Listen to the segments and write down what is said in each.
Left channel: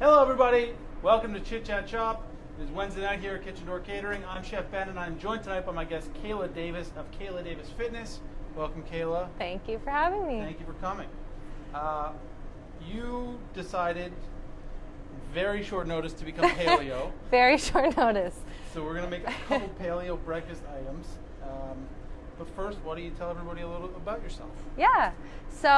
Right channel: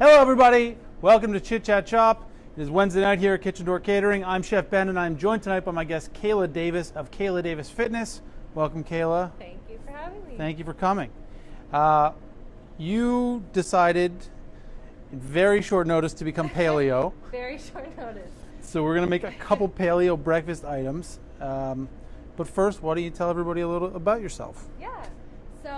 Hello, everybody. Welcome to Chit Chat Shop. It is Wednesday night here at Kitchen Door Catering. I'm Chef Ben, and I'm joined tonight by my guest, Kayla Davis of Kayla Davis Fitness. Welcome, Kayla. Thank you for having me. Thank you for coming. You decided, very short notice, to become paleo. Very short notice. So we're going to make a couple paleo breakfast items. But first, why don't you tell everybody a little about yourself? Yeah. So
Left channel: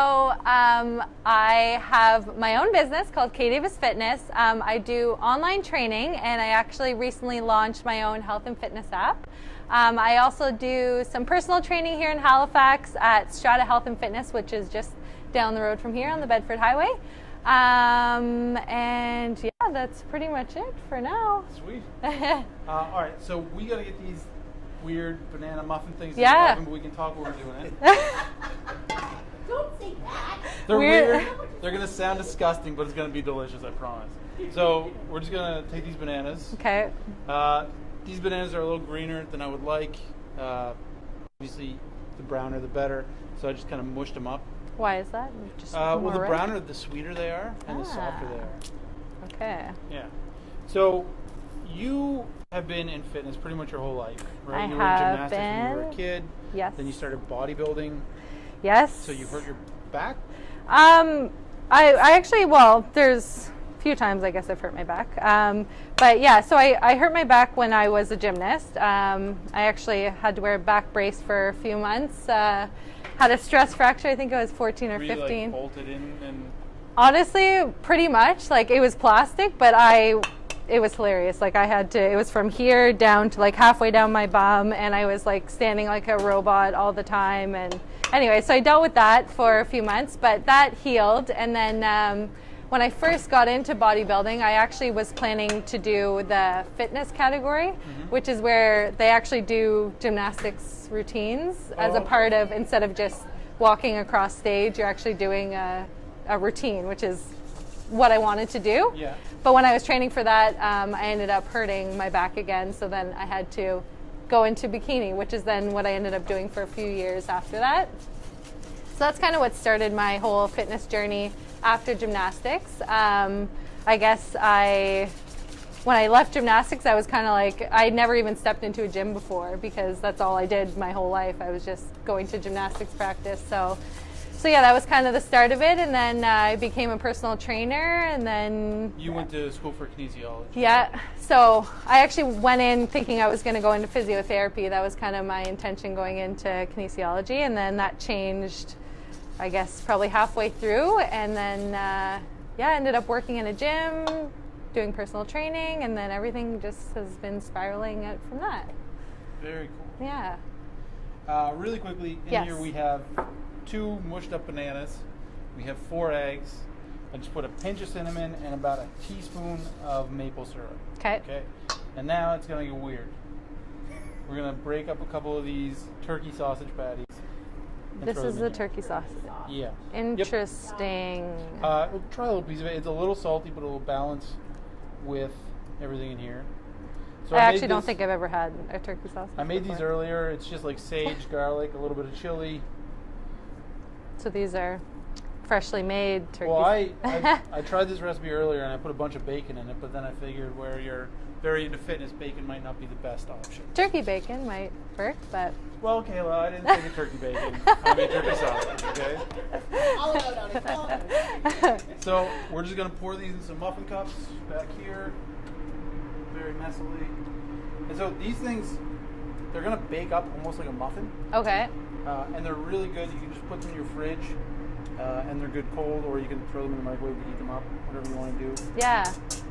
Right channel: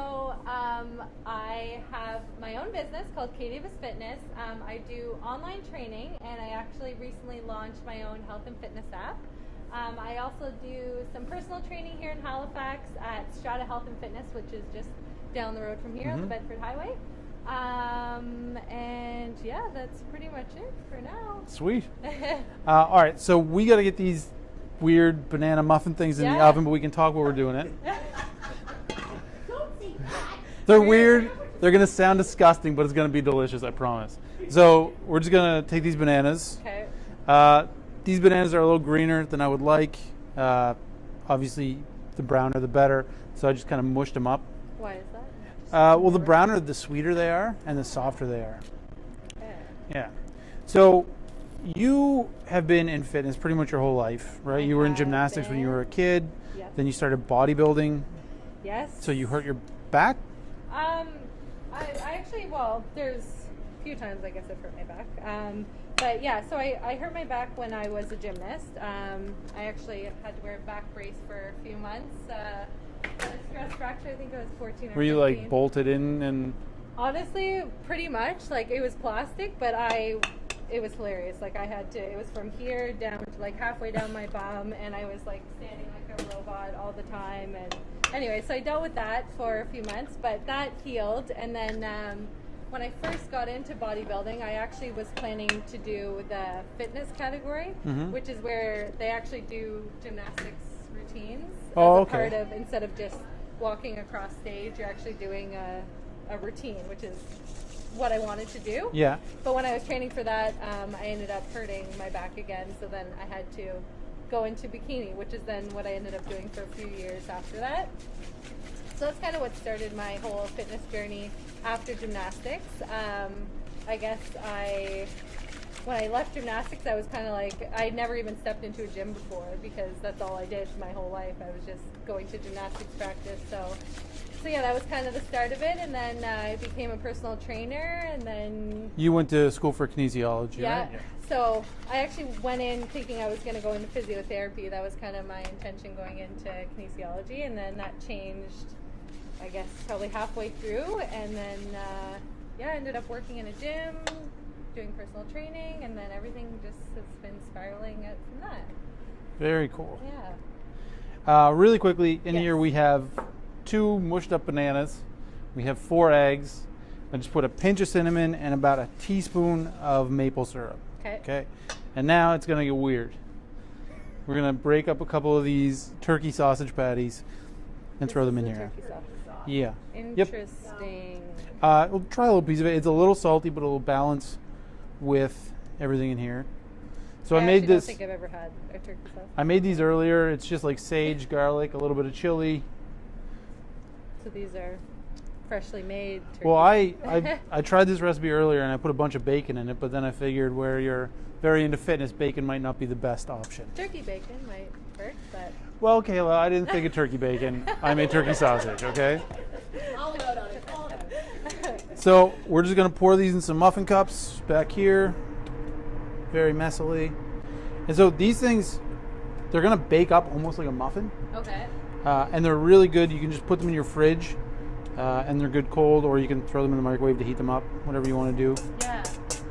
I have my own business called Kayla Davis Fitness. I do online training, and I actually recently launched my own health and fitness app. I also do some personal training here in Halifax at Strata Health and Fitness, which is just down the road from here on the Bedford Highway. And yeah, that's pretty much it for now. Sweet. All right, so we got to get these weird banana muffin things in the oven, but we can talk while we're doing it. They're weird. They're going to sound disgusting, but it's going to be delicious, I promise. So we're just going to take these bananas. Okay. These bananas are a little greener than I would like. Obviously, the browner the better. So I just kind of mushed them up. Why is that? Well, the browner, the sweeter they are, and the softer they are. Okay. Yeah. So you have been in fitness pretty much your whole life, right? You were in gymnastics when you were a kid. Yes. Then you started bodybuilding. Yes. So you hurt your back? I actually, well, there's a few times I guess I've hurt my back. But yeah, so I hurt my back when I was a gymnast. I actually had to wear a back brace for a few months. Had a stress fracture, I think I was 14 or 15. Were you like bolted in and? Honestly, pretty much. Like it was plastic, but it was hilarious. Like I had to, it was from here down to like halfway down my bum, and I was like standing like a robot all the time. And anyway, so I dealt with that for a few months, but that healed. And then when I first got into bodybuilding, I actually was planning to do the fitness category, which is where they actually do gymnastics routines as a part of, instead of just walking across stage, you're actually doing a routine, which is what I wanted to do. Yeah. But when I was training for that, I ended up hurting my back again, so then I had to go into bikini, which is then what I ended up doing for a few years after that. So that's kind of what started my whole fitness journey after gymnastics. I guess when I left gymnastics, I was kind of like, I never even stepped into a gym before because that's all I did my whole life. I was just going to gymnastics practice. So yeah, that was kind of the start of it, and then I became a personal trainer, and then... You went to school for kinesiology. Yeah, so I actually went in thinking I was going to go into physiotherapy. That was kind of my intention going into kinesiology, and then that changed, I guess, probably halfway through, and then, yeah, ended up working in a gym, doing personal training, and then everything just has been spiraling out from that. Very cool. Yeah. Really quickly, in here we have 2 mushed up bananas. We have 4 eggs. I just put a pinch of cinnamon and about a teaspoon of maple syrup. Okay. And now it's gonna get weird. We're gonna break up a couple of these turkey sausage patties and throw them in here. This is the turkey sausage. Yeah. Interesting. Yep. We'll try a little piece of it. It's a little salty, but it'll balance with everything in here. So I actually don't think I've ever had a turkey sausage. I made these earlier. It's just like sage, garlic, a little bit of chili. So these are freshly made turkey. Well, I tried this recipe earlier and I put a bunch of bacon in it, but then I figured where you're very into fitness, bacon might not be the best option. Turkey bacon might work, but... Well, Kayla, I didn't think of turkey bacon. I made turkey sausage, okay? So we're just going to pour these in some muffin cups back here, very messily. And so these things, they're going to bake up almost like a muffin. Okay. And they're really good. You can just put them in your fridge, and they're good cold, or you can throw them in the microwave to heat them up, whatever you want to do. Yeah,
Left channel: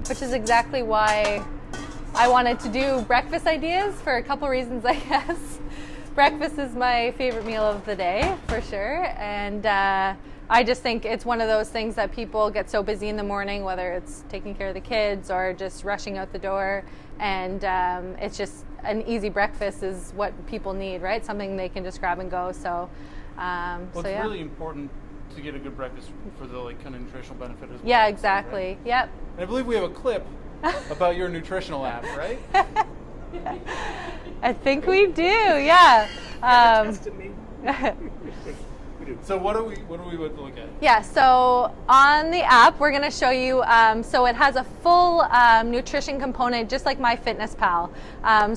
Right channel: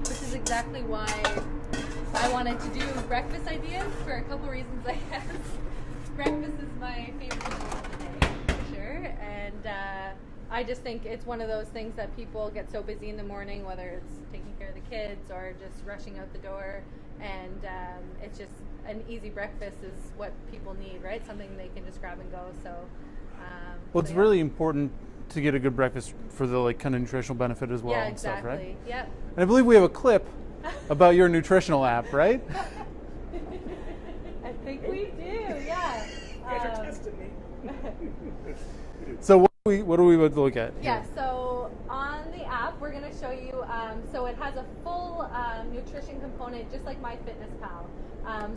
which is exactly why I wanted to do breakfast ideas for a couple reasons, I guess. Breakfast is my favorite meal of the day, for sure, and I just think it's one of those things that people get so busy in the morning, whether it's taking care of the kids or just rushing out the door, and it's just an easy breakfast is what people need, right? Something they can just grab and go. So, well, it's really important to get a good breakfast for the like kind of nutritional benefit as well. Yeah, exactly. Stuff, right? Yep. And I believe we have a clip about your nutritional app, right? I think we do. Yeah. So what are we about to look at? Yeah, so on the app, we're going to show you, so it has a full nutrition component, just like MyFitnessPal.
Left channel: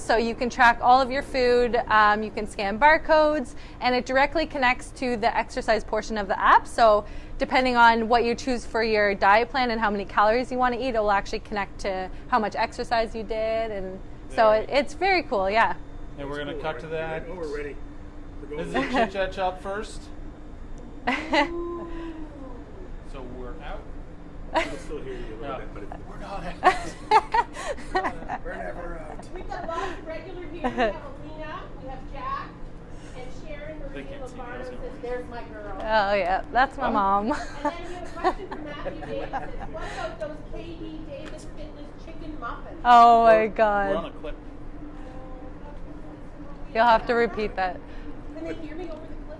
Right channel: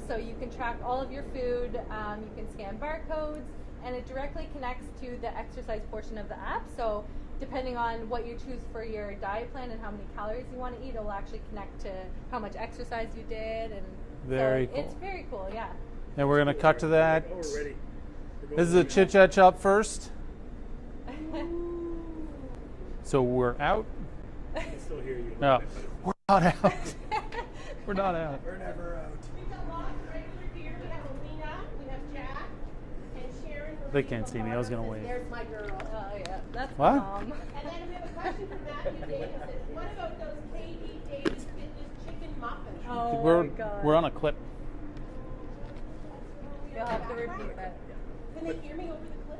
So you can track all of your food, you can scan barcodes, and it directly connects to the exercise portion of the app. So depending on what you choose for your diet plan and how many calories you want to eat, it will actually connect to how much exercise you did. And it's very cool, yeah. And we're going to cut to that. Oh, we're ready. This is a chit chat shop first. So we're out. I can still hear you. No, we're not out. We're not out. We're never out. We've got lots of regular here. We have Alina, we have Jack, and Sharon. They can't see me. I was going to wait. There's my girl. Oh, yeah, that's my mom. And then we have a question from Matthew Davis. What about those KD Davis Fitness chicken muffins? Oh, my God. We're on a clip. You'll have to repeat that. Can they hear me over the clip?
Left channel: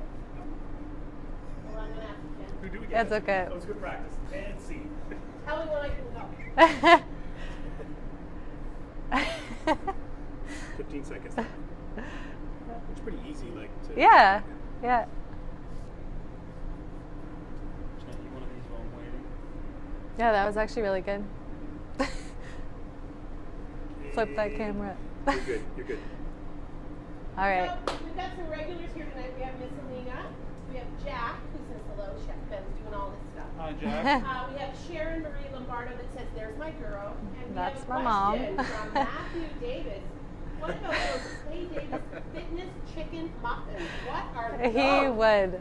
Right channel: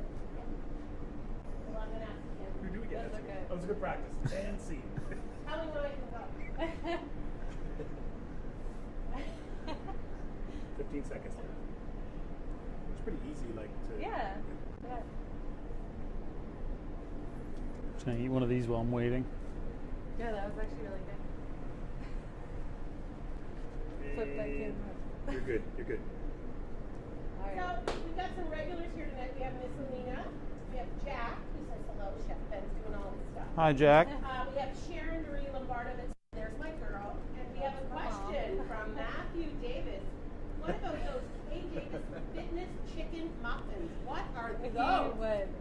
Well, I'm going to have to count. We do again. That's okay. That was good practice. And see. Tell me when I can go. 15 seconds. It's pretty easy, like. Yeah. Should I eat one of these while I'm waiting? Yeah, that was actually really good. Flip that camera. You're good. You're good. All right. So, we've got some regulars here tonight. We have Miss Alina. We have Jack, who says hello. Chef Ben's doing all this stuff. Hi, Jack. We have Sharon Marie Lombardo that says, "There's my girl." And we That's have a my mom. question from Matthew Davis. What about those Clay Davis Fitness chicken muffins? What are those? He would.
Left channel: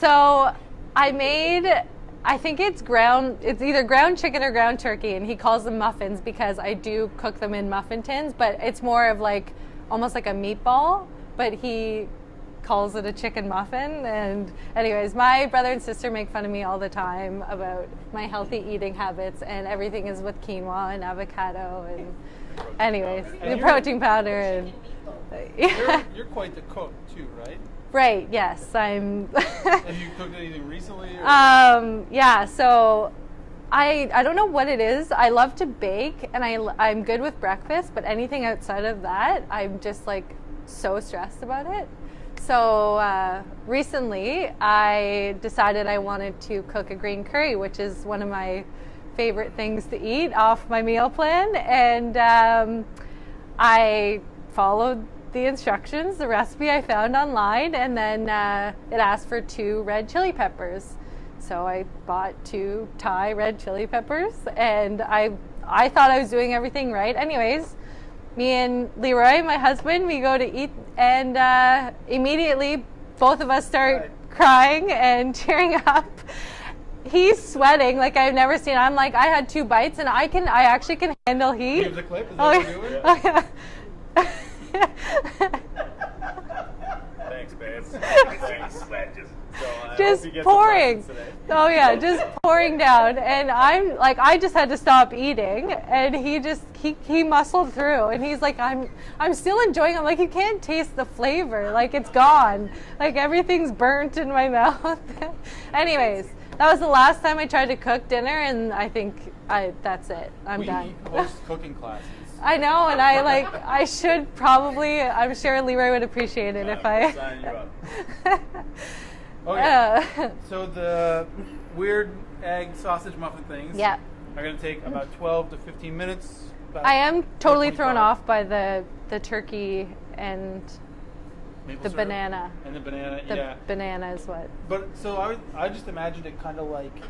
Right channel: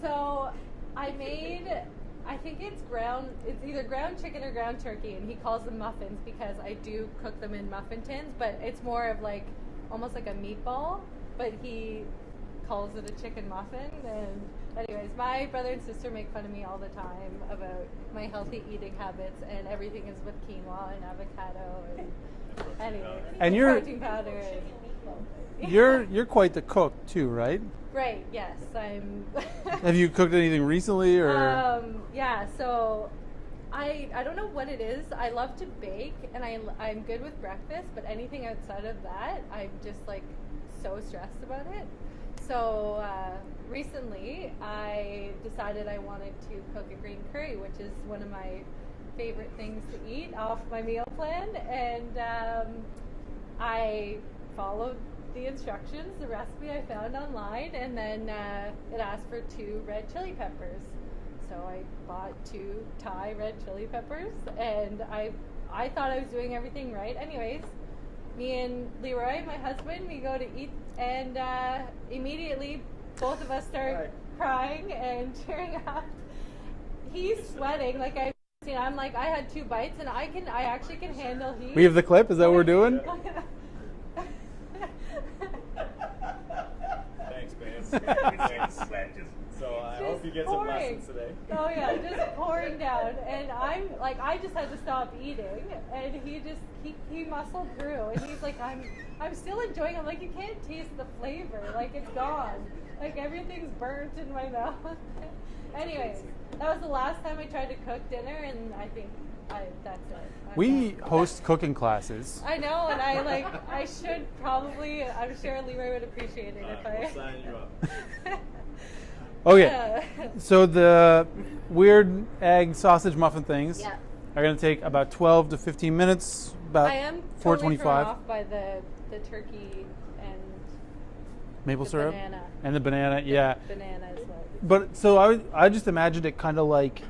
So I made, I think it's either ground chicken or ground turkey, and he calls them muffins because I do cook them in muffin tins, but it's more of like, almost like a meatball, but he calls it a chicken muffin. And anyways, my brother and sister make fun of me all the time about my healthy eating habits, and everything is with quinoa and avocado and anyways, And the protein powder and you're quite the cook too, right? right, yes, I'm Have you cooked anything recently? Or? yeah, so I don't know what it is. I love to bake, and I'm good with breakfast, but anything outside of that, I'm just like so stressed about it. So recently, I decided I wanted to cook a green curry, which is one of my favorite things to eat off my meal plan, and I followed the instructions, the recipe I found online, and then it asked for 2 red chili peppers. So I bought 2 Thai red chili peppers, and I thought I was doing everything right. Anyways, me and Leroy, my husband, we go to eat, and immediately both of us start crying and tearing up. He's sweating like I've never seen. I'm like, I had 2 bites, and I actually can handle heat. Do you have the clip? Is that what we're doing? Thanks, babe. Just pouring. Oh yeah, just pouring down, and I'm like, I just had to stop eating, and he muscled through, and he's like, I'm still enjoying it. I'm like, you can't taste the flavor, like it's gone, like everything's burnt in my mouth. Anyways, that was the last time I tried to cook dinner, and I think that's it. I'm done. Host cooking classes. I know, and I should probably. I'm sure Leroy would appreciate it if I. Signing you up. Oh yeah. So the weird egg sausage muffin things Yeah. are going to take about 12 to 15 minutes. About I am totally 4:25. thrown off by the turkey and Maple the syrup banana. and the banana. The Yeah. banana is what. But so I just imagined it kind of like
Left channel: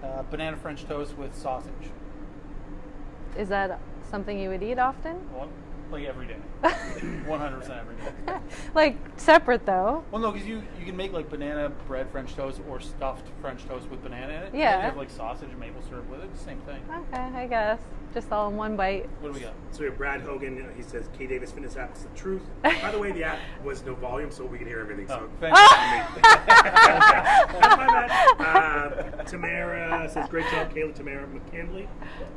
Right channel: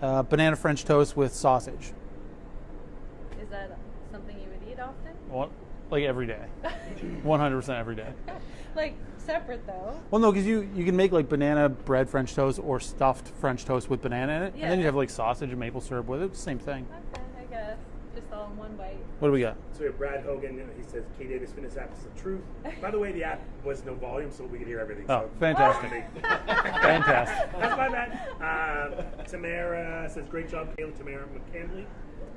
banana French toast with sausage. Is that something you would eat often? Well, like every day. 100% every day. Like separate though. Well, no, because you can make like banana bread French toast or stuffed French toast with banana in it. Yeah. And then you have like sausage and maple syrup with it. Same thing. Okay, I guess. Just all in one bite. What do we got? So we have Brad Hogan. He says, K Davis Fitness app is the truth. By the way, the app was no volume, so we can hear everything. Oh, So fantastic. Fantastic. Have fun, man. Tamara says, great job, Kayla. Tamara McKinley.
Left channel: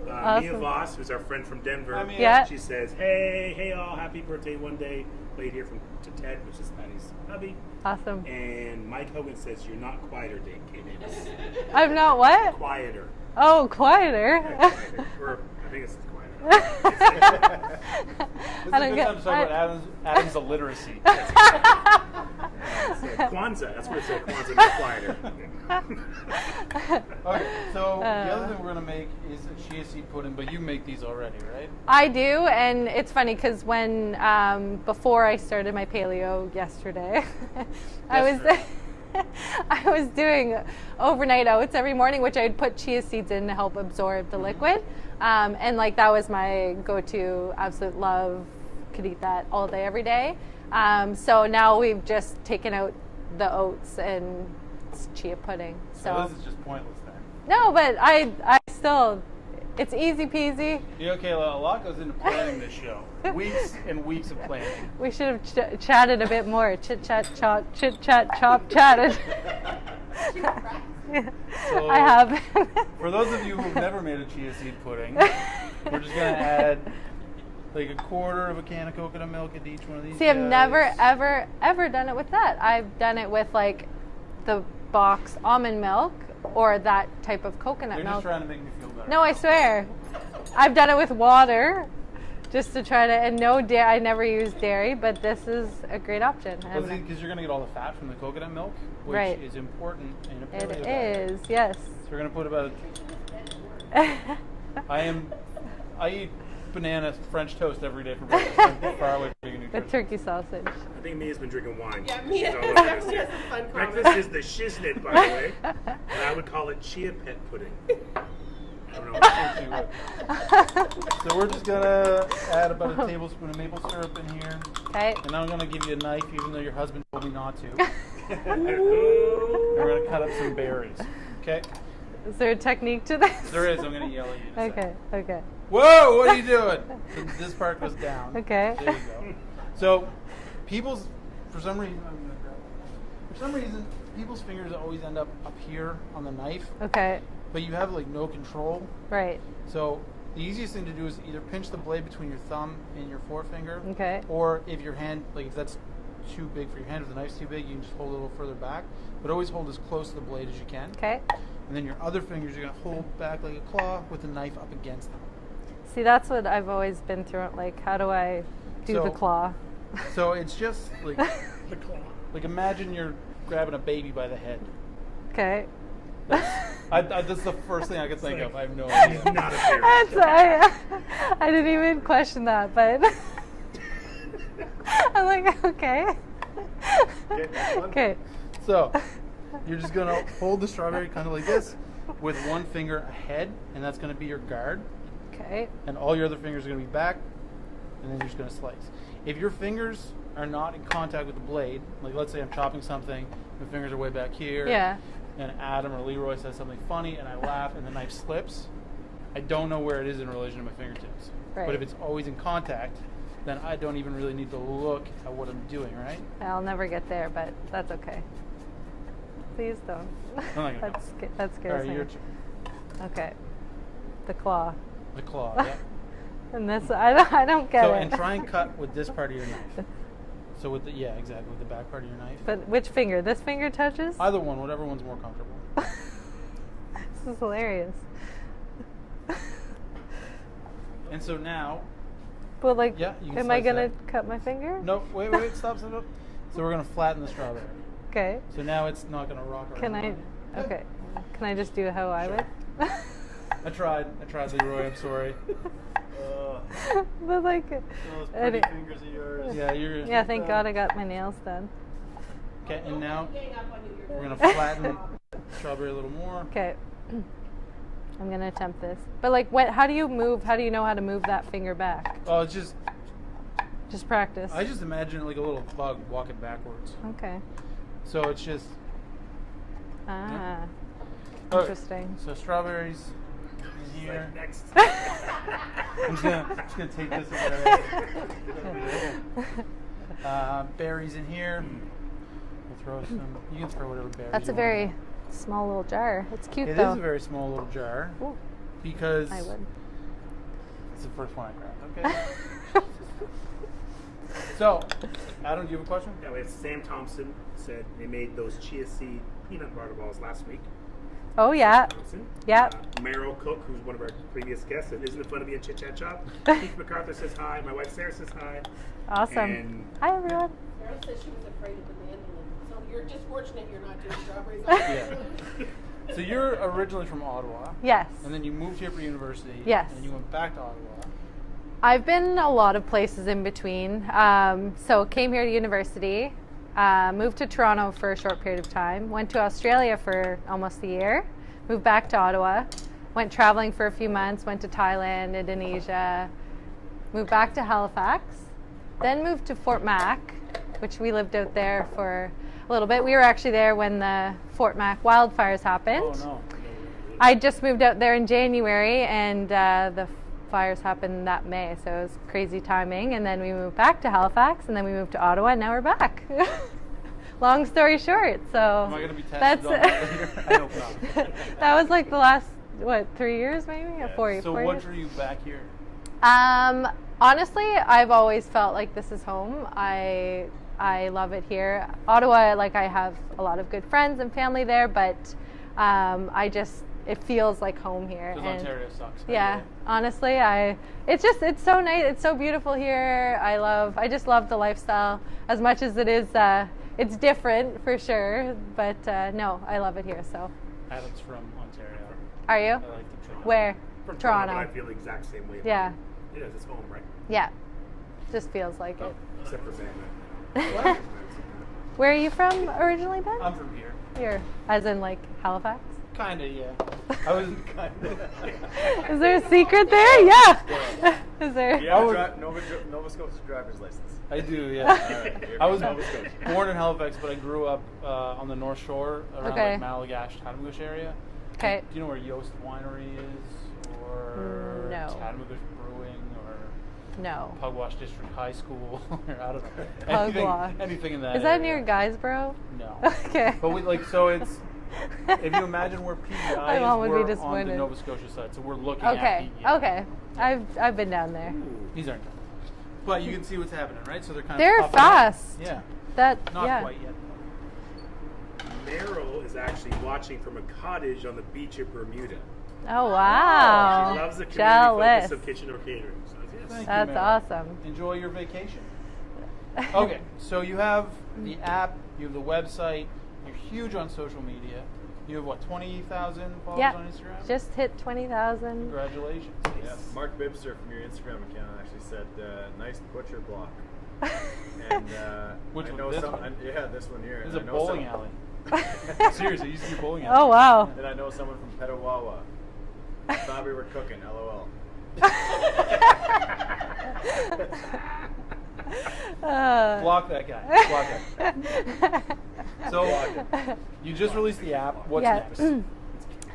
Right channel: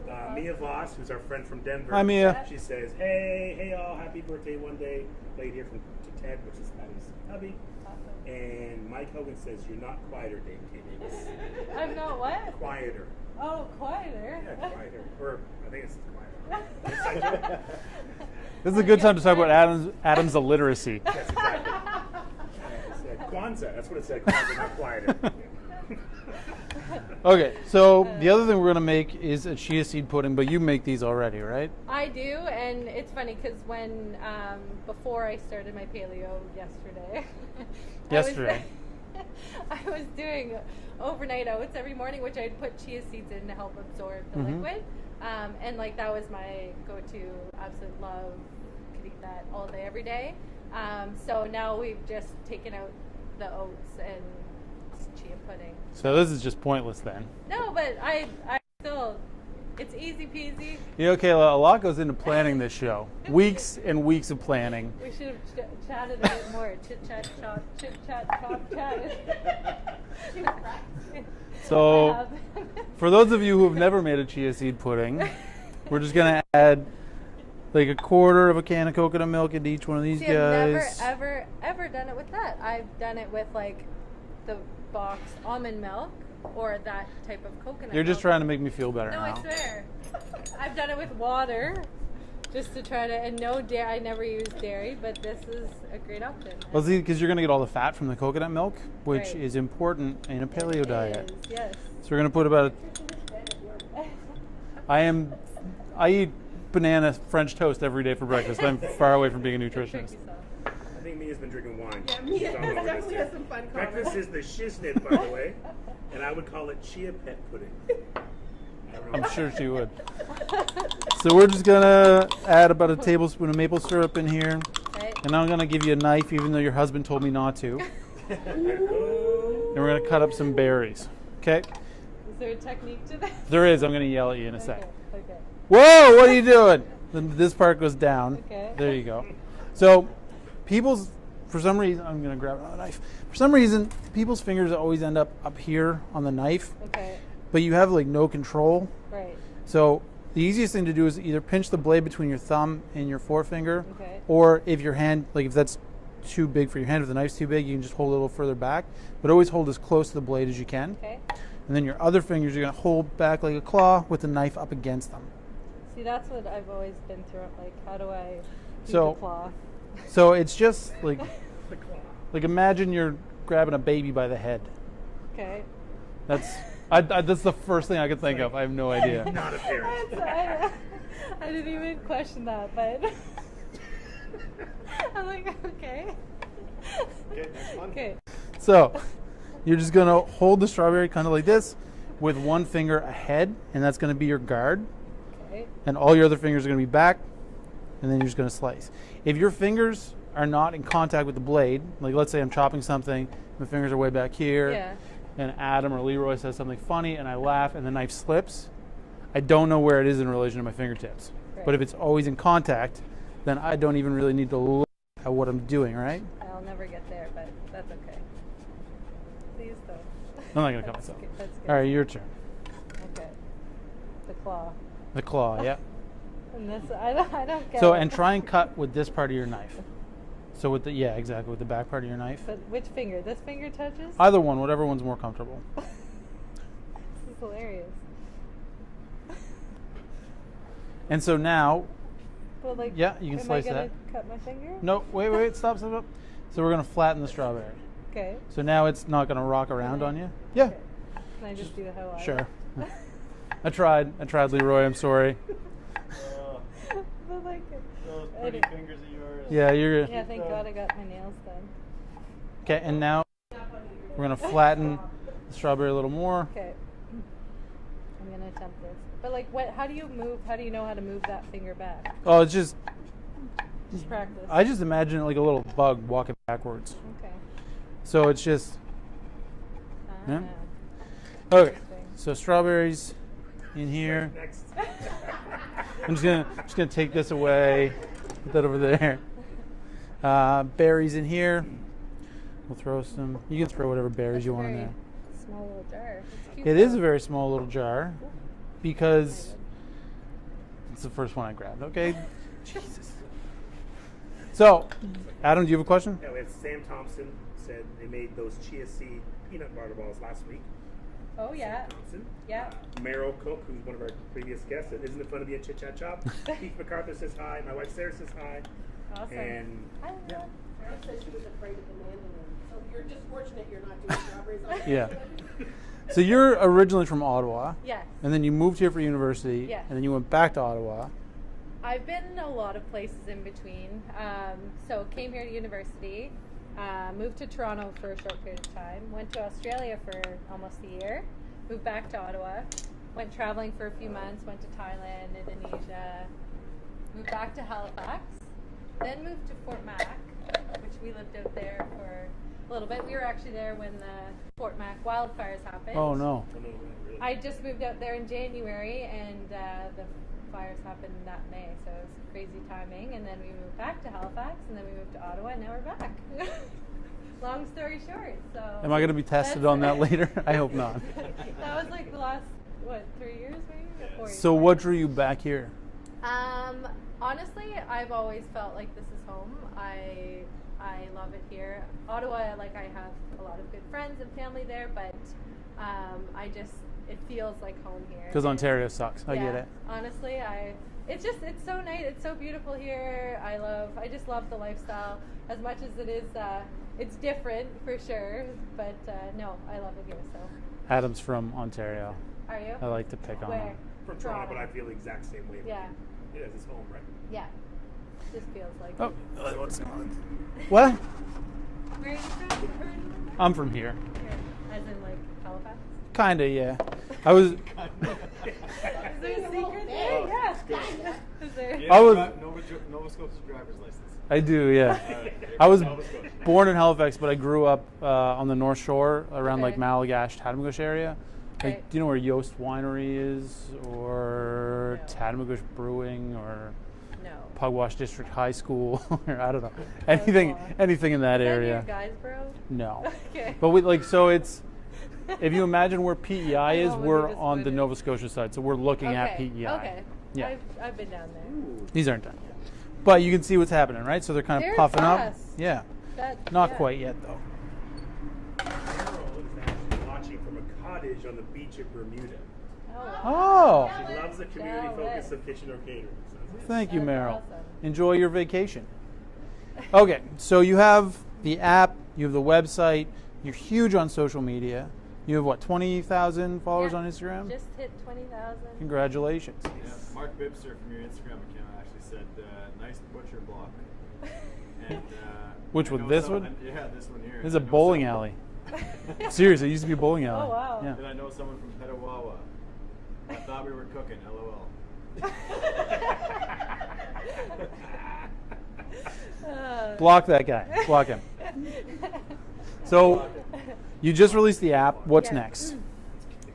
Mia Awesome. Voss, who's our friend from Denver. Hi, Mia. Yeah. She says, hey all, happy birthday one day. Played here to Ted, which is Patty's hubby. Awesome. And Mike Hogan says, you're not quieter, K Davis. I'm not what? Quieter. Oh, quieter. Yeah, quieter. Or I think it's quieter. This is a good time to talk about Adam's illiteracy. So Kwanzaa. That's what it said. Kwanzaa required. Okay, so the other thing we're going to make is a chia seed pudding, but you make these already, right? I do, and it's funny because when before I started my paleo yesterday, I was doing overnight oats every morning, which I'd put chia seeds in to help absorb the liquid, and like that was my go-to. Absolute love, could eat that all day, every day. So now we've just taken out the oats and it's chia pudding. So this is just pointless then. No, but I still, it's easy peasy. You know, Kayla, a lot goes into planning this show. Weeks and weeks of planning. We should have chatted a bit more. Chit chat chop, chatted. So I have. For those of you who've never made a chia seed pudding, we're just gonna add like a quarter of a can of coconut milk into each one of these guys. I've never ever done it with that. I've done it with like the box almond milk or that type of coconut You're milk. just trying to make me feel better. No, now. I swear. I've done it with water just to try to, and no dairy. I never use dairy, but this is a great option. Well, see, because you're going to get all the fat from the coconut milk, which Right. is important in a paleo It diet. is, yes. So we're going to put about. I eat banana French toast every day for breakfast. I'm far away from being a The nutritionist. turkey sausage. I think Mia's been drinking wine. Yeah, Mia. She's all over this. Mia's a fun Breakfast comment. is the shiznit, by the way. And I would call it chia pet pudding. I don't know. I'm sure she would. So we're just gonna add about a tablespoon of maple syrup in here, Okay. and I'm gonna give you a knife, even though your husband told me not to. And Ooh. we're gonna cut up some berries. Okay? Is there a technique to this? There is. I'm gonna yell at you in a Okay, second. okay. Whoa! What are you doing? Then this part goes down. Okay. There you go. So, for some reason, I'm gonna grab another knife. For some reason, people's fingers always end up here on the knife, Okay, but you have like no control. right. So the easiest thing to do is either pinch the blade between your thumb and your forefinger, Okay. or if your hand, like if that's too big for your hand, if the knife's too big, you can just hold it a little further back. But always hold as close to the blade as you can. Okay. And then your other fingers, you're gonna hold back like a claw with the knife up against them. See, that's what I've always been through. Like, how do I do So- the claw? So it's just like, like imagine you're grabbing a baby by the head. Okay. That's the first thing I could think of. I have no idea. Not a fair. I didn't even question that, but I'm like, okay. Okay. So you're just gonna hold the strawberry kind of like this, with one finger ahead, and that's gonna be your guard. Okay. And all your other fingers are gonna be back, and then you're just gonna slice. If your fingers are not in contact with the blade, like let's say I'm chopping something, my fingers are way back here, Yeah. and Adam or Leroy says something funny, and I laugh, and the knife slips, I don't know where it is in relation to my fingertips. Right. But if it's always in contact, then I don't even really need to look at what I'm doing, right? I'll never get there, but that's okay. Please don't. I'm not gonna come That's with good. that. That's good. All right, your turn. Okay. The claw. The claw, yeah. And this, I don't get So, it. and try and cut with this part of your knife. So with the, yeah, exactly, with the back part of your knife. But which finger? This finger touches? Either one, whatever one's more comfortable. This is hilarious. And so now, But like, Yeah, you can am I slice gonna that. cut my finger? no, wait, stop. So we're gonna flatten the strawberry. Okay. So now it's not gonna rock Can around I? on you. Okay. Can I just do how I Sure. would? I tried, Leroy. I'm sorry. But like, Those pretty fingers of yours. Yeah, you're. yeah. Thank God I got my nails done. Okay, and now we're gonna flatten the strawberry a little more. Okay. I'm gonna attempt this. But like, when? How do you move? How do you know how to move that finger back? Oh, it's just. Just practice. I just imagine it like a little bug walking backwards. Okay. So it's just. Ah. Yeah. Okay. Interesting. So strawberries in here. Next. I'm just gonna take this away, put that over there. Berries in here. We'll throw some. You can throw whatever berries That's you a want. very in small little jar. It's cute there. It though. is a very small little jar Ooh, because I would. it's the first one I grabbed. Okay. So, Adam, do you have a question? Yeah, we have Sam Thompson said they made those chia seed peanut butter balls last week. Oh yeah. Thompson. Yep. Meryl Cook, who's one of our previous guests, and isn't it fun to be in Chit Chat Shop? Keith MacArthur says hi. My wife Sarah says hi. Awesome. And Hi everyone. Sarah said she was afraid of the mandolin. So You're just fortunate you're not just strawberries. Yeah. So you're originally from Ottawa. Yes. And then you moved here for university. Yes. And then you went back to Ottawa. I've been a lot of places in between. So came here to university, moved to Toronto for a short period of time, went to Australia for almost a year, moved back to Ottawa, went traveling for a few months, went to Thailand, Indonesia, moved back to Halifax, then moved to Fort Mac, which we lived out there for a little bit. We were actually there when the Fort Mac wildfires happened. Oh, no. I just moved out there in January, and the fires happened that May, so it was crazy timing. And then we moved back to Halifax, and then we moved to Ottawa, and now we're back. Long story short, so. Am I going to be tested on that later? I hope not. That was like the last, 3 years maybe? Or 4 years? So what drew you back here? Honestly, I've always felt like this is home. I love it here. Ottawa, like I have a lot of good friends and family there, but it feels like home here. Because Ontario sucks. I Yeah, get it. honestly, it's so nice. It's so beautiful here. I just love the lifestyle as much as it is. It's different for sure, but no, I love it here. So. Adam's from Ontario. Are you? I like to pick on Where? him. From Toronto. I feel the exact same way. Yeah. It is. It's home, right? Yeah. Just feels like it. Well, Where are you from originally, Ben? I'm from here. Here, as in like Halifax. Kinda, yeah. I was. Is there a secret there? Yeah. Is there? Yeah, I was- Nova Scotia driver's license. I do, yeah. I was born in Halifax, but I grew up on the North Shore around Okay. like Malagash, Tatamagouche area. Okay. Like, do you know where Yost Winery is, or No. Tatamagouche Brewing, or No. Pugwash District High School, or I don't know, Pugwash. anything in that Is area. that near Guysborough? No. Okay. But we like so it's. If you imagine where PEI My mom is, would be we're on the disappointed. Nova Scotia side, so we're looking at Okay. PEI. Okay. Yeah. I've been down there. These aren't done. But you can see what's happening, right? So they're kind of They're puffing fast. up. Yeah. Not Yeah. quite yet, though. Daryl is actually watching from a cottage on the beach of Bermuda. Oh wow. She loves the community Jealous. focus of kitchen or catering. So that's Thank you, That's Meryl. awesome. Enjoy your vacation. Okay, so you have the app, you have the website, you're huge on social media. You have what, 20,000 followers Yeah. on Instagram? Just hit 20,000. Congratulations. Yeah, Mark Bibster from your Instagram account actually said, "Nice butcher block." And Which I one, know this one? Yeah, this one here. This is And a I know bowling alley. Seriously, it used to be a bowling alley. Oh wow. And I know someone from Petawawa. I thought we were cooking. LOL. Block that guy. Block him. So, you just released the app. What's Yeah. next?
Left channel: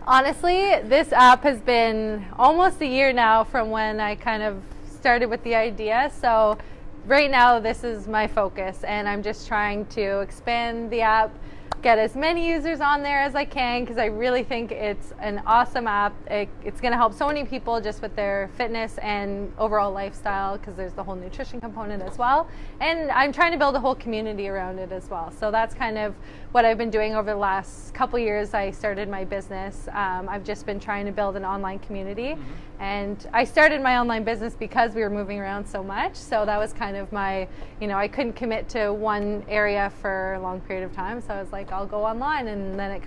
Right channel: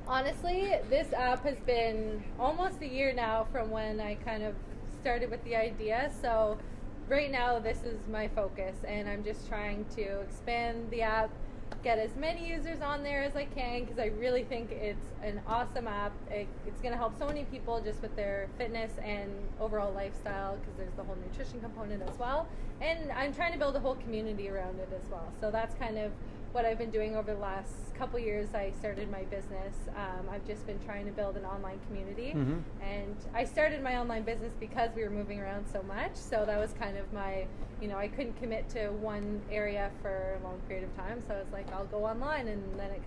Honestly, this app has been almost a year now from when I kind of started with the idea. So right now, this is my focus, and I'm just trying to expand the app, get as many users on there as I can, because I really think it's an awesome app. It's going to help so many people just with their fitness and overall lifestyle, because there's the whole nutrition component as well. And I'm trying to build a whole community around it as well. So that's kind of what I've been doing over the last couple years. I started my business. I've just been trying to build an online community. And I started my online business because we were moving around so much. So that was kind of my, I couldn't commit to one area for a long period of time. So I was like, I'll go online. And then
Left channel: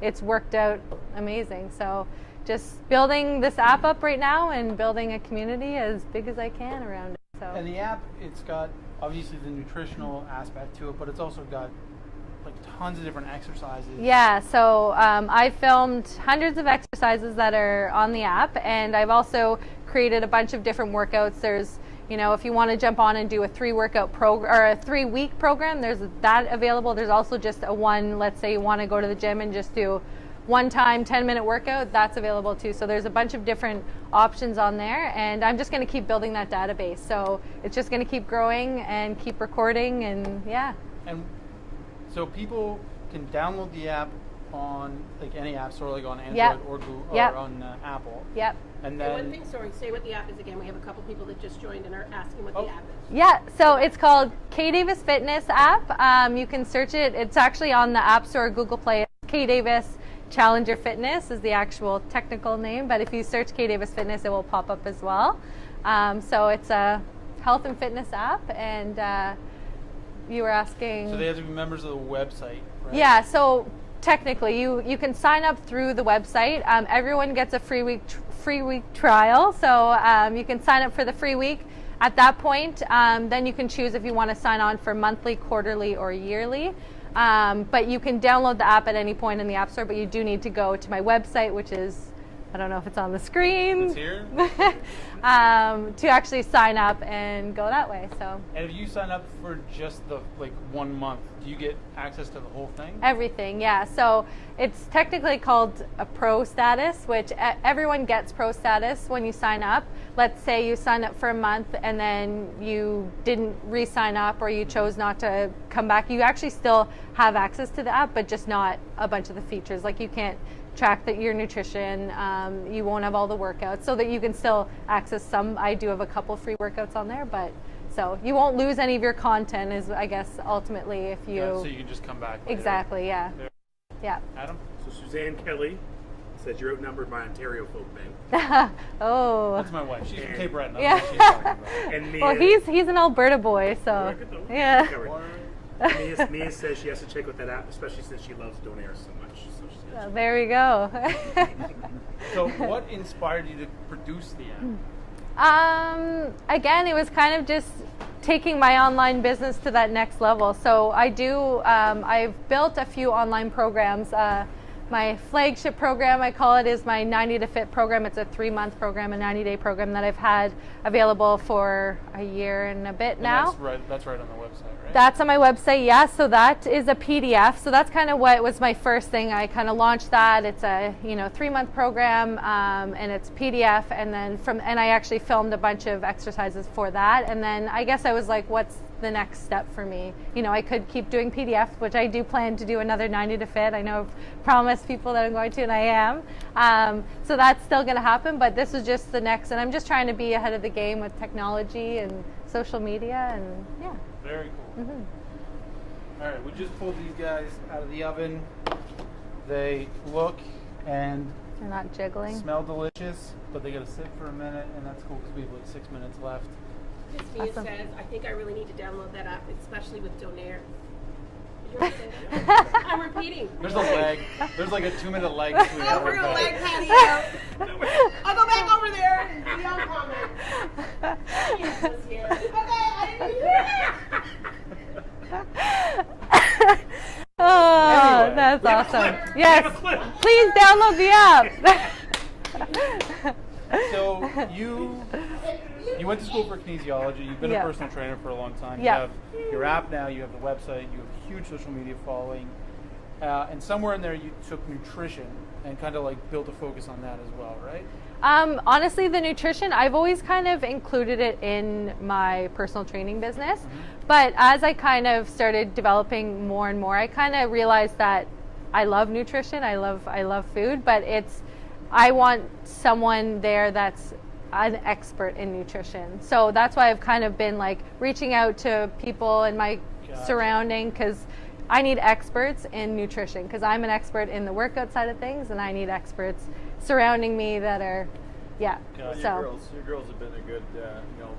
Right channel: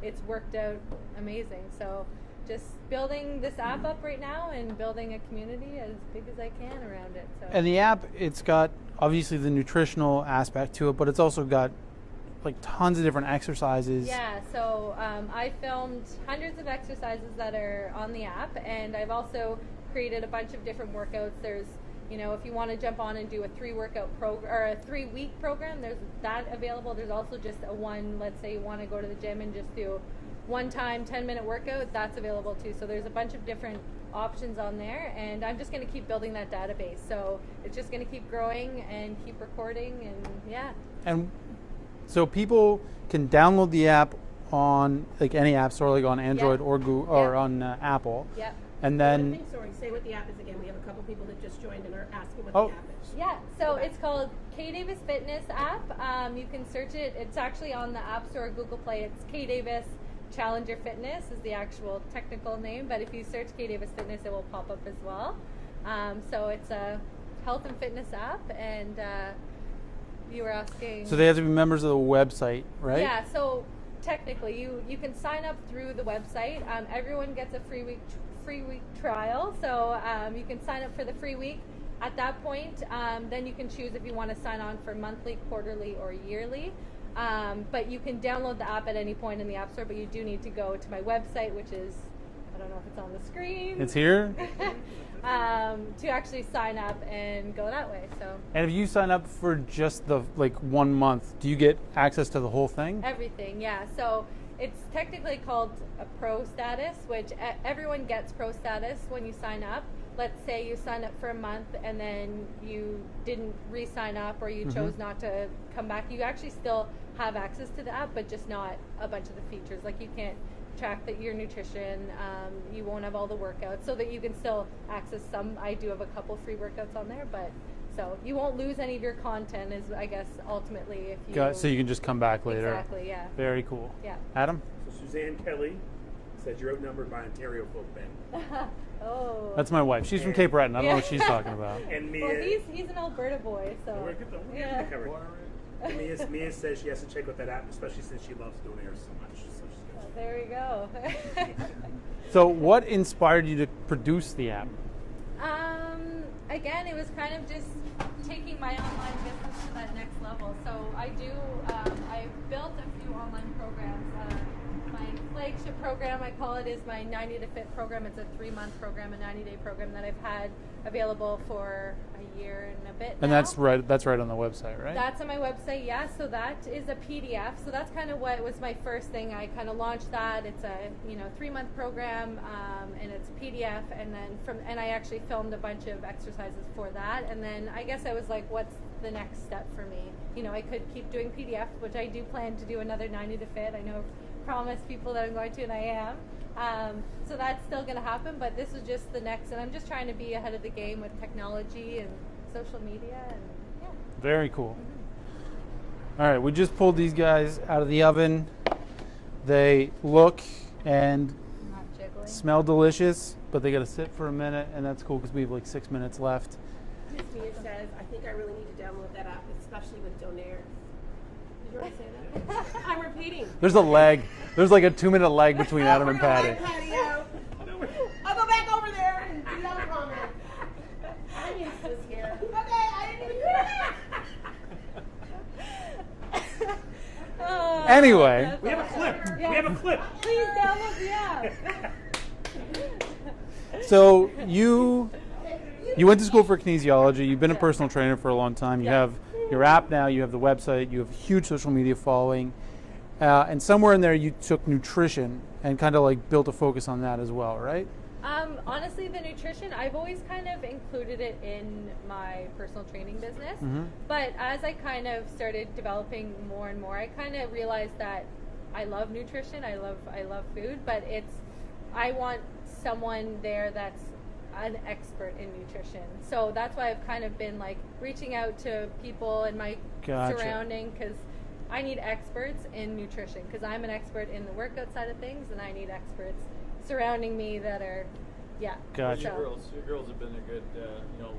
it's worked out amazing. So just building this app up right now and building a community as big as I can around it. So. And the app, it's got obviously the nutritional aspect to it, but it's also got like tons of different exercises. Yeah, so I filmed hundreds of exercises that are on the app, and I've also created a bunch of different workouts. There's, if you want to jump on and do a 3-workout program or a 3-week program, there's that available. There's also just a one, let's say you want to go to the gym and just do one time 10-minute workout, that's available too. So there's a bunch of different options on there, and I'm just going to keep building that database. So it's just going to keep growing and keep recording, and yeah. And so people can download the app on like any app store, like on Android or Google or on Apple. Yep. And One then thing, sorry, say what the app is again. We have a couple people that just joined and are asking what the app is. Yeah, so it's called K Davis Fitness app. You can search it. It's actually on the App Store, Google Play. It's K Davis Challenger Fitness is the actual technical name, but if you search K Davis Fitness, it will pop up as well. So it's a health and fitness app, and you were asking. So they have to be members of the website, right? Yeah, so technically you can sign up through the website. Everyone gets a free week trial, so you can sign up for the free week. At that point, then you can choose if you want to sign on for monthly, quarterly, or yearly. But you can download the app at any point in the App Store, but you do need to go to my website, which is, I don't know if it's on the screen. It's here? To actually sign up and go that way. So. And if you sign up for just the 1 month, do you get access to the whole thing? Everything, yeah. So it's technically called a pro status, which everyone gets pro status when you sign up. Let's say you sign up for a month and then you didn't re-sign up or you chose not to come back. You actually still have access to the app, but just not a bunch of the features. Like you can't track your nutrition, you won't have all the workouts, so that you can still access some. I do have a couple free workouts on there, but so you won't lose any of your content is, I guess, ultimately if you... So you can just come back later. Exactly, yeah. Very cool. Yeah. Adam? So Suzanne Kelly said you're outnumbered by Ontario folk Ben. Oh. That's my wife. She's from Cape Breton. I don't know what she's talking about. And Mia, Well, he's an Alberta boy, so yeah. Mia says she has to check with that app, especially since she loves Donair so much. So she says, So there we go. So what inspired you to produce the app? Again, it was kind of just taking my online business to that next level. So I've built a few online programs. My flagship program, I call it, is my 90 to Fit program. It's a 3-month program, a 90-day program that I've had available for a year and a bit now. And that's right on the website, right? That's on my website, yeah. So that is a PDF. So that's kind of what was my first thing. I kind of launched that. It's a 3-month program, and it's PDF. And then I actually filmed a bunch of exercises for that. And then I guess I was like, what's the next step for me? I could keep doing PDFs, which I do plan to do another 90 to Fit. I know I've promised people that I'm going to, and I am. So that's still going to happen, but this is just the next, and I'm just trying to be ahead of the game with technology and social media, and yeah. Very cool. All right, we just pulled these guys out of the oven. They look and They're not jiggling. smell delicious, but they got to sit for a minute, and that's cool because we have like 6 minutes left. Miss Mia says, I think I really need to download that app, especially with Donair. I'm repeating. There's a lag. There's like a 2-minute lag between Adam and Patty. I'll go back over there and be on comment. Okay, I didn't hear that. Oh, Anyway. that's awesome. Yes, please download the app. So you went to school for kinesiology. You've been a personal trainer for a long time. You have your app now. You have the website. You have a huge social media following. And somewhere in there, you took nutrition and kind of like built a focus on that as well, right? Honestly, the nutrition, I've always kind of included it in my personal training business. But as I kind of started developing more and more, I kind of realized that I love nutrition. I love food, but I want someone there that's an expert in nutrition. So that's why I've kind of been like reaching out to people in my surrounding, because I need experts in nutrition, because I'm an expert in the workout side of things, and I need experts surrounding me that are, Gotcha. So. Your girls have been a good,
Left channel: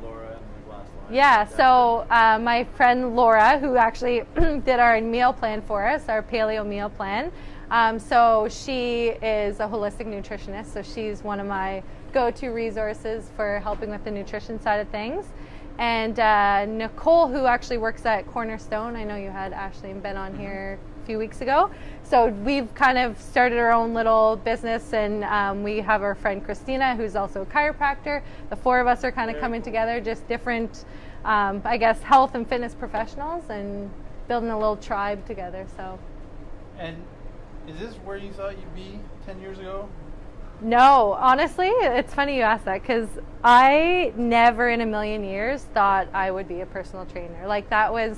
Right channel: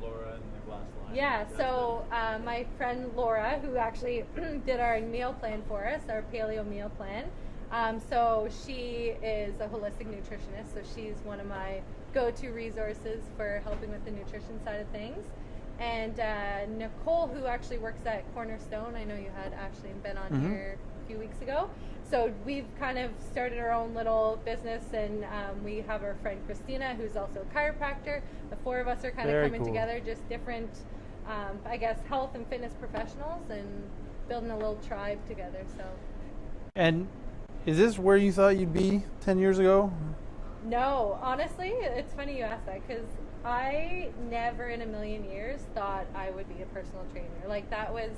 Laura and the last line. Yeah, so my friend Laura, who actually did our meal plan for us, our paleo meal plan, so she is a holistic nutritionist, so she's one of my go-to resources for helping with the nutrition side of things. And Nicole, who actually works at Cornerstone, I know you had Ashley and Ben on here a few weeks ago. So we've kind of started our own little business, and we have our friend Christina, who's also a chiropractor. The 4 of us are kind of coming together, just different, I guess, health and fitness professionals, and building a little tribe together. So. And is this where you thought you'd be 10 years ago? No, honestly, it's funny you ask that, because I never in a million years thought I would be a personal trainer. Like that was,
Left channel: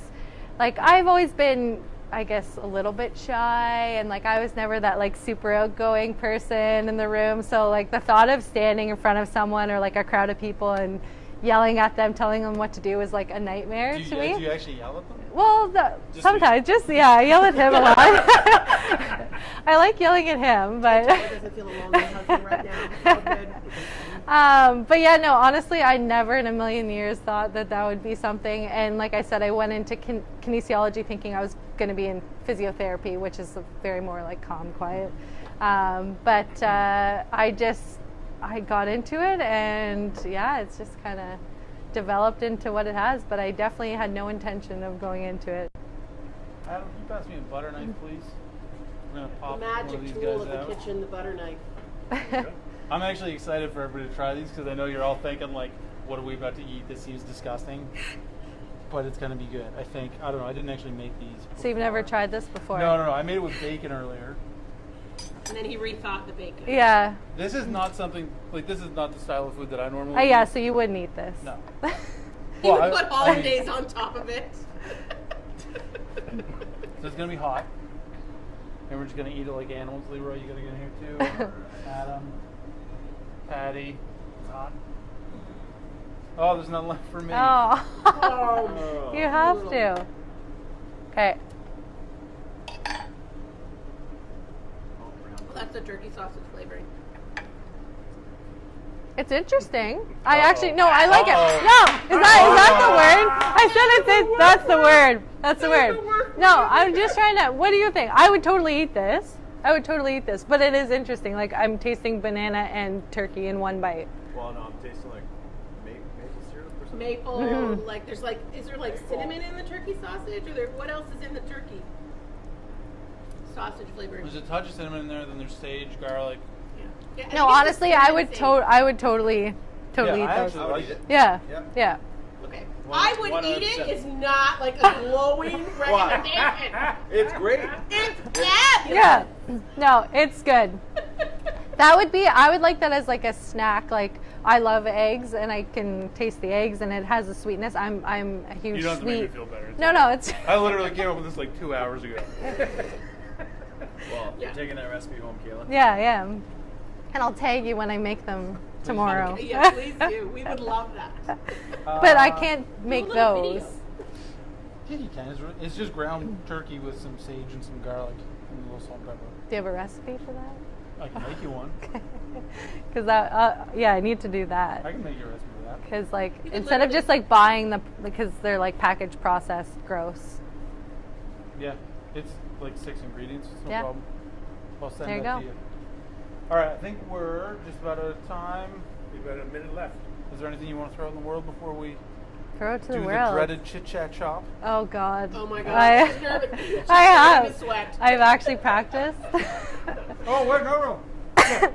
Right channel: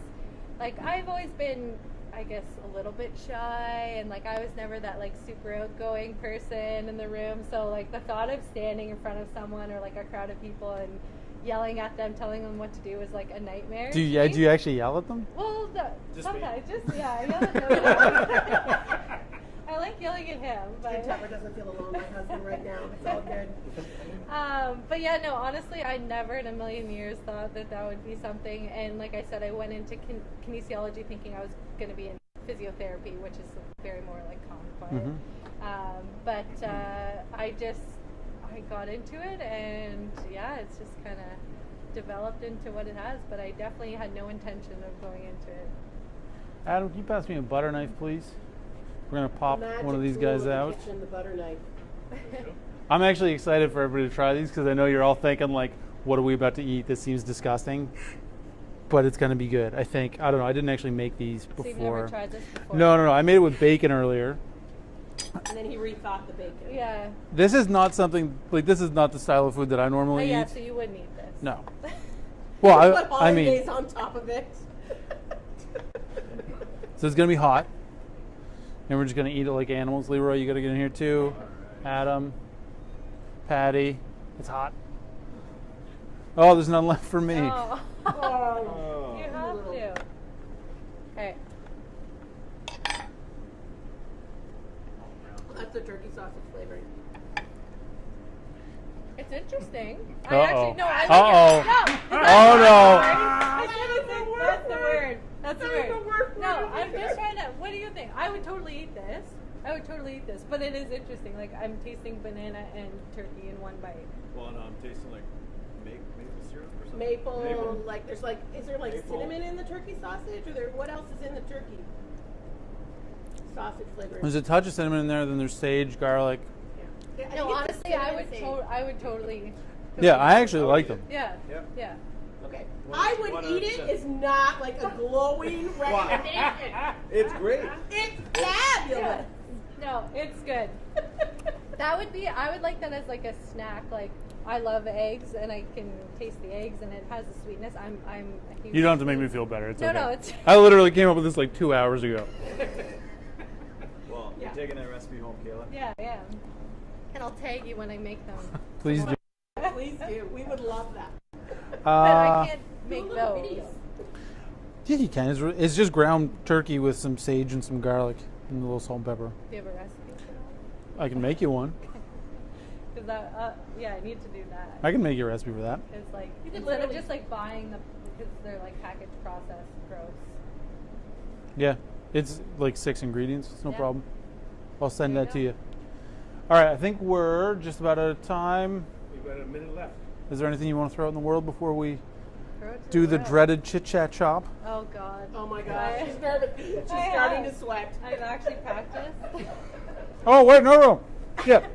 like I've always been, I guess, a little bit shy, and like I was never that like super outgoing person in the room. So like the thought of standing in front of someone or like a crowd of people and yelling at them, telling them what to do was like a nightmare. Do you actually yell at them? Well, sometimes, I yell at him a lot. I like yelling at him, but. Doesn't feel alone with my husband right now. It's all good. But yeah, no, honestly, I never in a million years thought that that would be something. And like I said, I went into kinesiology thinking I was going to be in physiotherapy, which is very more like calm, quiet. But I got into it, and yeah, it's just kind of developed into what it has. But I definitely had no intention of going into it. Adam, can you pass me a butter knife, please? We're going to pop Magic one of these tool guys in the out. kitchen, the butter knife. I'm actually excited for everybody to try these because I know you're all thinking, like, what are we about to eat? This seems disgusting. But it's going to be good, I think. I don't know. I didn't actually make these before. So you've never tried this before? No. I made it with bacon earlier. And then he rethought the bacon. Yeah. This is not something, like, this is not the style of food that I normally eat. Yeah, so you wouldn't eat this. No. You Well, put I mean, hollandaise on top of it. so it's going to be hot. And we're just going to eat it like animals. Leroy, you got to get in here too. Adam, Patty, it's hot. Oh, there's none left for me. Oh. Oh. You have to. Okay. That's the turkey sausage flavoring. It's interesting. I Uh-oh. actually, no, I like Uh-oh. it. No, is that the word? I said that's the word. That's the word. No, I'm just trying to, what do you think? I would totally eat this. But it is interesting. Like, I'm tasting banana and turkey in one bite. Well, no, I'm tasting like maple syrup or something. Maple, like there's like, is there like Maple. cinnamon in the turkey sausage, or there? What else is in the turkey sausage flavoring? There's a touch of cinnamon in there, then there's sage, garlic. Yeah, No, honestly, I would totally Yeah, eat I this. actually liked it. Yeah. Yep. Yeah. Okay, I would eat it. 100%. It's not like a glowing recommendation. It's great. It's fabulous. Yeah. No, it's good. That would be, I would like that as like a snack. Like, I love eggs and I can taste the eggs and it has a sweetness. I'm a huge You don't have to make me sweet- feel better. It's No, okay. no, it's I literally came up with this like 2 hours ago. Well, Yeah. you're taking that recipe home, Kayla. yeah. And I'll tag you when I make them Please do. tomorrow. Yeah, please do. We would love that. But I can't make Do a little those. video. Yeah, you can. It's just ground turkey with some sage and some garlic and a little salt and pepper. Do you have a recipe for that? I can make you one. Because that, yeah, I need to do that. I can make you a recipe for that. Because like You can instead of literally- just like buying because they're like packaged processed, gross. Yeah, it's like 6 ingredients. It's no Yeah. problem. I'll send There you that to go. you. All right, I think we're just about out of time. We've got a minute left. Is there anything you want to throw out in the world before we Throw it to do the the world. dreaded chit chat chop? Oh God. Oh my God. I, She's nervous. She's I starting have. to sweat. I've actually practiced. Oh wait, no. Yeah,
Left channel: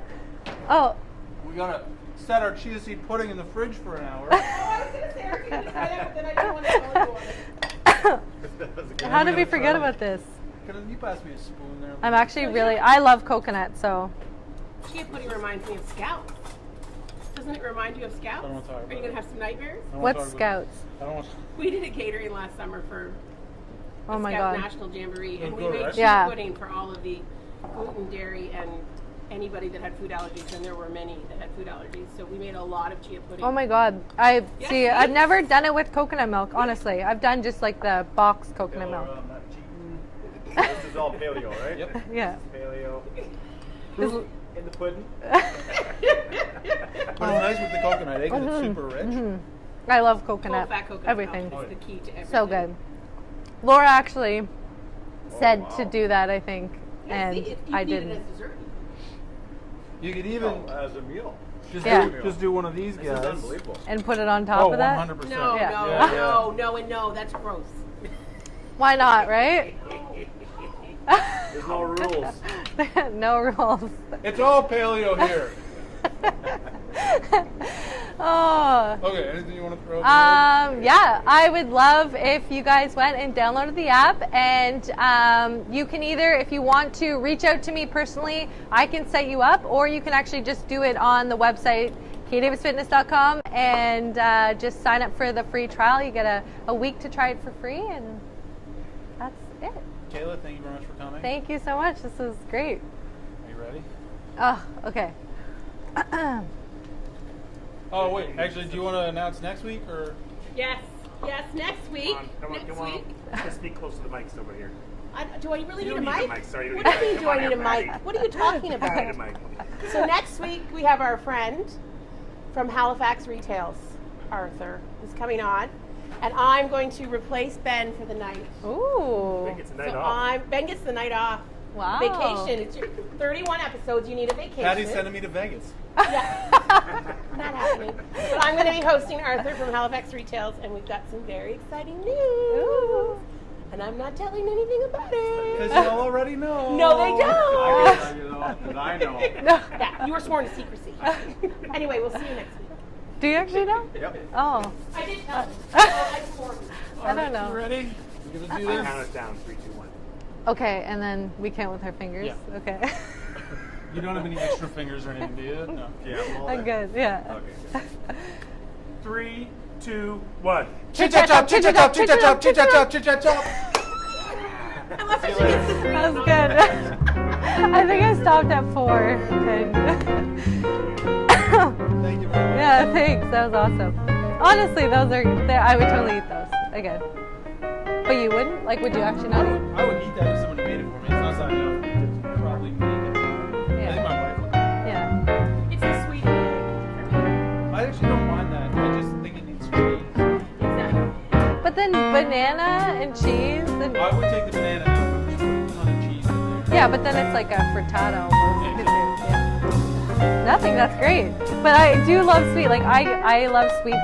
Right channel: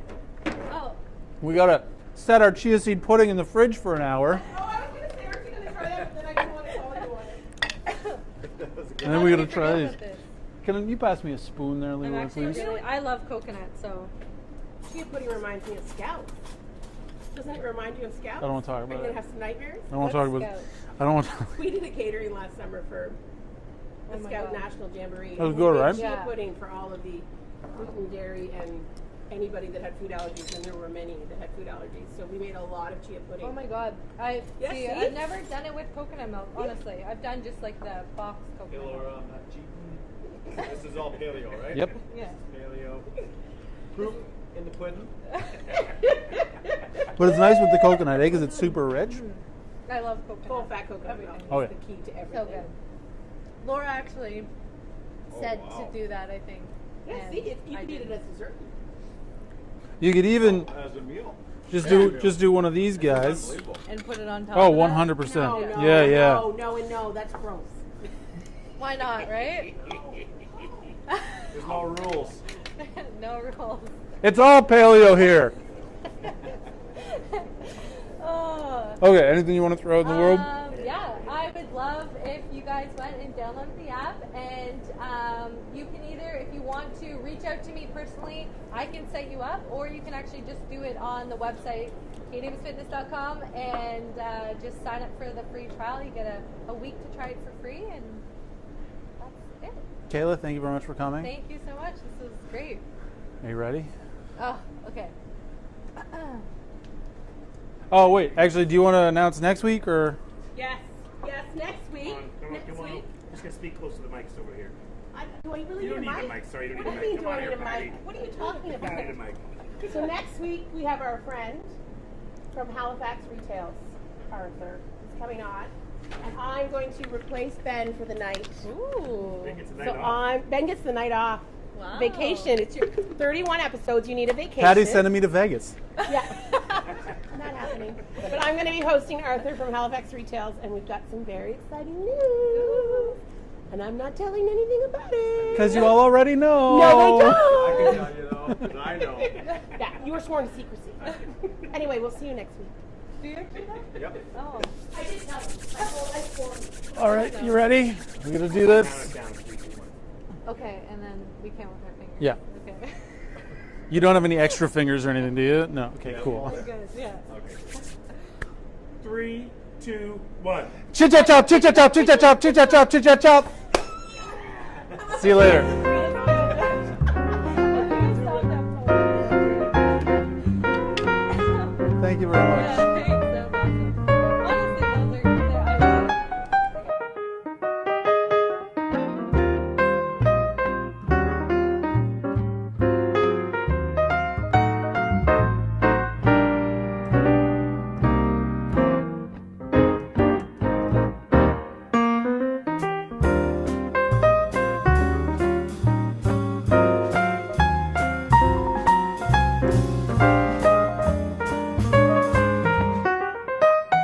Oh, we gotta set our chia seed pudding in the fridge for an hour. Oh, I was going to say, are you going to try it? Then I didn't want to tell anyone. That was a good And how then we did we gotta try forget these. about this? Can you pass me a spoon there? I'm Lily? actually Thanks. really, I love coconut, so. Chia pudding reminds me of Scouts. Doesn't it remind you of Scouts? I don't wanna talk Are about you it. going to have some nightmares? I don't wanna What's talk about- Scouts? I don't want to. We did a catering last summer for Oh the my Scout God. National Jamboree. That was and good, we made right? chia Yeah. pudding for all of the gluten, dairy, and anybody that had food allergies, and there were many that had food allergies. So we made a lot of chia pudding. Oh my God. Yeah, See, see? I've never done it with coconut milk, honestly. I've done just like the boxed coconut Kayla, milk. I'm not cheating. This is all paleo, right? Yep. Yeah. Paleo. In the pudding. But it's nice with the coconut egg because it's super rich. I love Full coconut. fat coconut Everything. milk Oh, is yeah. the key to everything. So good. Laura actually said wow. to do that, I think, Yeah, and see, you I can eat didn't. it as dessert. You could even As a meal. Yeah. just do one of these This is guys. unbelievable. And put it on top Oh, of that. 100%. No, Yeah. no, Yeah, no, no, and no. That's gross. Why not, right? There's no rules. No rules. It's all paleo here. Oh. Okay, anything you want to throw in the world? Yeah, I would love if you guys went and downloaded the app, and you can either, if you want to reach out to me personally, I can set you up, or you can actually just do it on the website, kdavisfitness.com, and just sign up for the free trial. You get a week to try it for free, and that's it. Kayla, thank you very much for coming. Thank you so much. This is great. Are you ready? Oh, okay. Oh, wait. Actually, do you want to announce next week or? Yes, yes. Next week. Come on. Next week. Just speak close to the mics over here. Do I really You need a don't need mic? the mic, sorry, you What don't do you need mean? the Do I mic. need a mic? What are you talking You don't need a about? mic. So next week we have our friend from Halifax Retails, Arthur, is coming on. And I'm going to replace Ben for the night. Ooh. Ben gets the night So off. Ben gets the night off. Wow. Vacation. It's your 31 episodes. You need a vacation. Patty's sending me to Vegas. Yeah. Not happening. But I'm going to be hosting Arthur from Halifax Retails, and we've got some very exciting news. Ooh. And I'm not telling anything about it. Because you all already know. No, they don't. I know. Yeah, you were sworn to secrecy. Anyway, we'll see you next week. Do you actually know? Yep. Oh. I did not. I swore. All right, know. you ready? We're going to do this. Count it down, 3, 2, 1. Okay, and then we count with our fingers? Yeah. Okay. You don't have any extra fingers or anything, do you? No. Okay, cool. I'm good, yeah. Okay. 3, 2, 1. Chit-chat-chop, chit-chat-chop, chit-chat-chop, chit-chat-chop, chit-chat-chop. See you later. That was good. I think I stopped at 4. Thank you very much. Yeah, thanks. That was awesome. Honestly, I would totally eat those again. But you wouldn't? Like, would you actually not eat? I would eat that if somebody made it for me. It's not something I would probably make it. I think my wife would. Yeah. It's a sweet. I actually don't mind that. I just think it needs to be. But then banana and cheese and I would take the banana and put it on the cheese. yeah, but then it's like a frittata. Nothing, that's great. But I do love sweet. Like I love sweet